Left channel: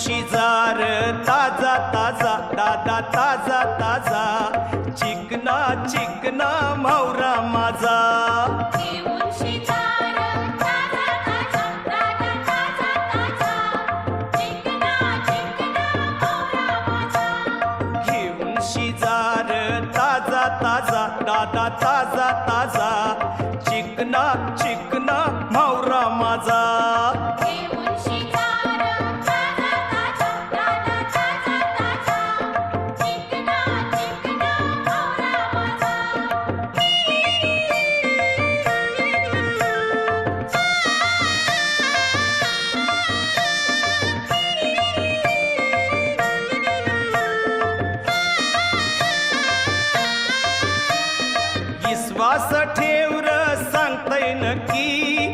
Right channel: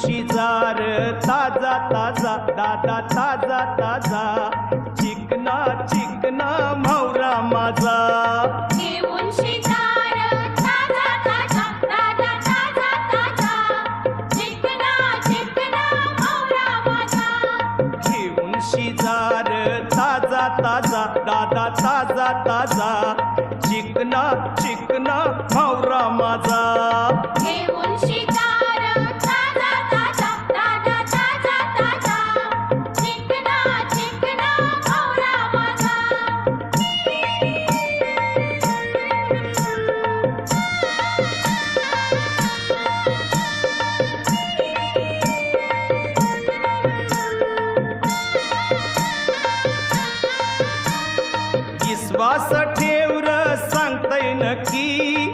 शिजार ताजा ताजा दादा ताजा ताजा चिकना चिकना म्हावरा माझा घेऊन शिजार ताजा ताजा दादा ताजा ताजा चिकना चिकना म्हावरा माझा घेऊन शिजार ताजा ताजा दादा ताजा ताजा चिकना चिकना म्हावरा माझा घेऊन शिजार ताजा ताजा दादा ताजा ताजा चिकना चिकना म्हावरा माझा विश्वास ठेव र सांगतय नक्की